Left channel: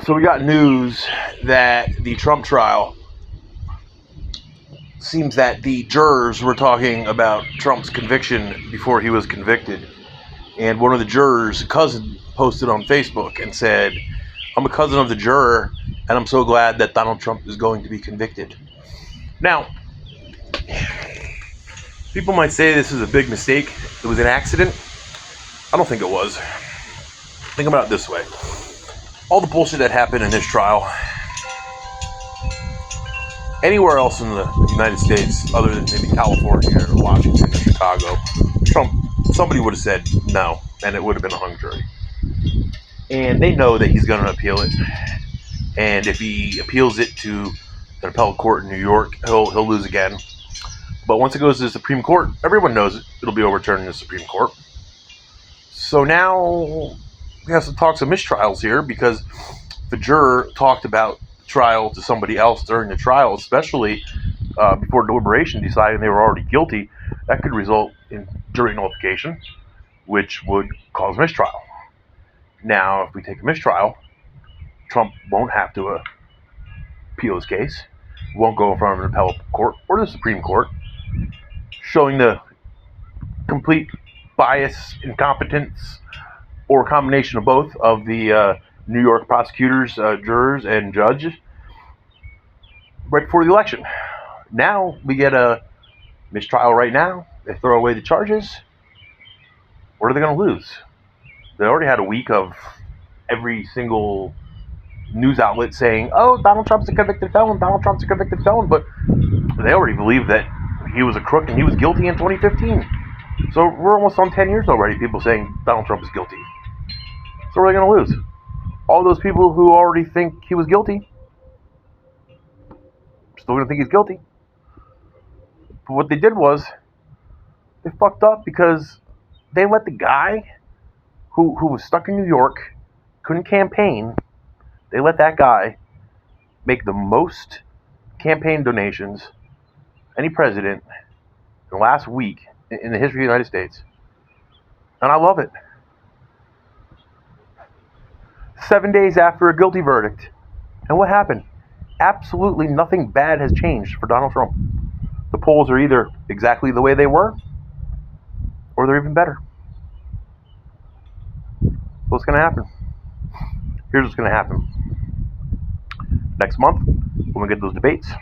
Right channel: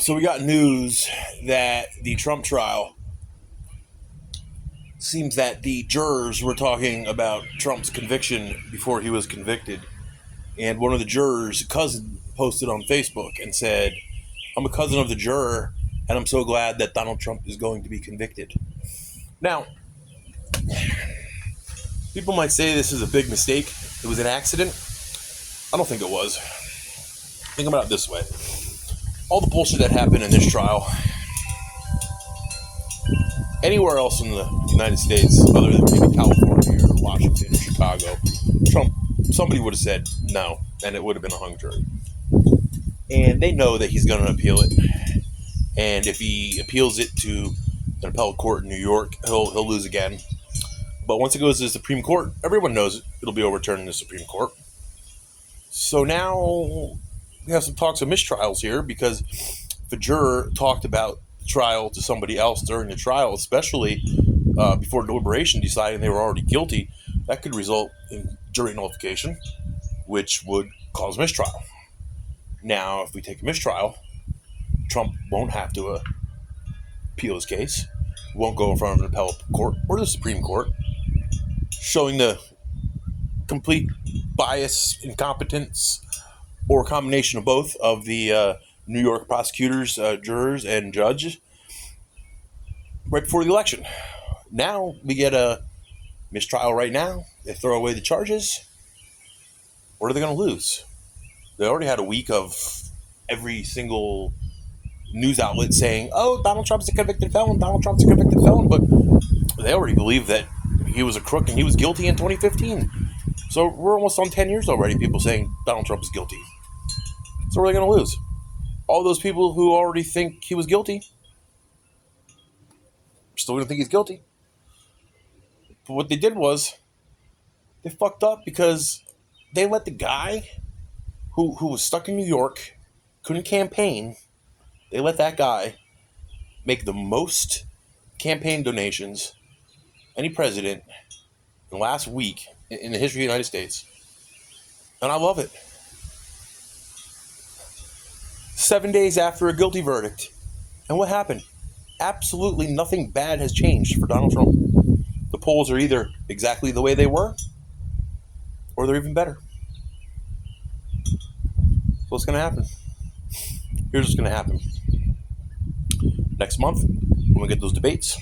So we got news that the Trump trial seems that the jurors were talking about Trump's conviction before he was convicted. And one of the jurors' cousin posted on Facebook and said, "I'm a cousin of the juror, and I'm so glad that Donald Trump is going to be convicted." Now, people might say this is a big mistake. It was an accident. I don't think it was. Think about it this way. All the bullshit that happened in this trial, anywhere else in the United States, other than maybe California or Washington or Chicago, somebody would have said no, and it would have been a hung jury. And they know that he's going to appeal it. And if he appeals it to an appellate court in New York, he'll lose again. But once it goes to the Supreme Court, everyone knows it'll be overturned in the Supreme Court. So now we have some talks of mistrials here, because if a juror talked about the trial to somebody else during the trial, especially before deliberation, deciding they were already guilty, that could result in jury nullification, which would cause mistrial. Now, if we take a mistrial, Trump won't have to appeal his case, won't go in front of an appellate court or the Supreme Court, showing the complete bias, incompetence, or a combination of both of the New York prosecutors, jurors, and judge right before the election. Now we get a mistrial right now. They throw away the charges. What are they going to lose? They already had a week of every single news outlet saying, "Oh, Donald Trump's a convicted felon, Donald Trump's a convicted felon," but they already believe that he was a crook and he was guilty in 2015. So we're almost on 10 years already, people saying Donald Trump is guilty. So what are they going to lose? All those people who already think he was guilty are still going to think he's guilty. But what they did was they fucked up, because they let the guy who was stuck in New York, couldn't campaign, they let that guy make the most campaign donations any president in the last week in the history of the United States. And I love it. 7 days after a guilty verdict. And what happened? Absolutely nothing bad has changed for Donald Trump. The polls are either exactly the way they were, or they're even better. So what's going to happen? Here's what's going to happen. Next month, when we get those debates,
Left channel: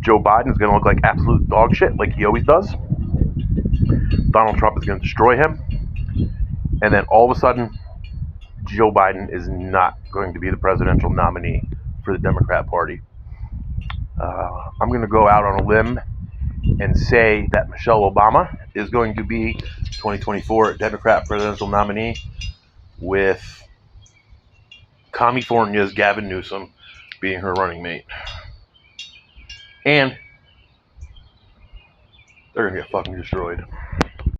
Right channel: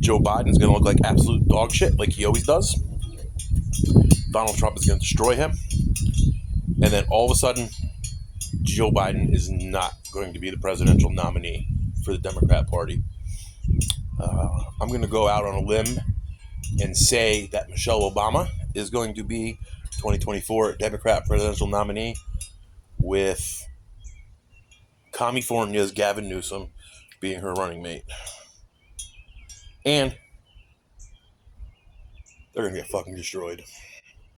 Joe Biden is going to look like absolute dog shit, like he always does. Donald Trump is going to destroy him. And then all of a sudden, Joe Biden is not going to be the presidential nominee for the Democrat Party. I'm going to go out on a limb and say that Michelle Obama is going to be 2024 Democrat presidential nominee, with California's Gavin Newsom being her running mate. And they're going to get fucking destroyed.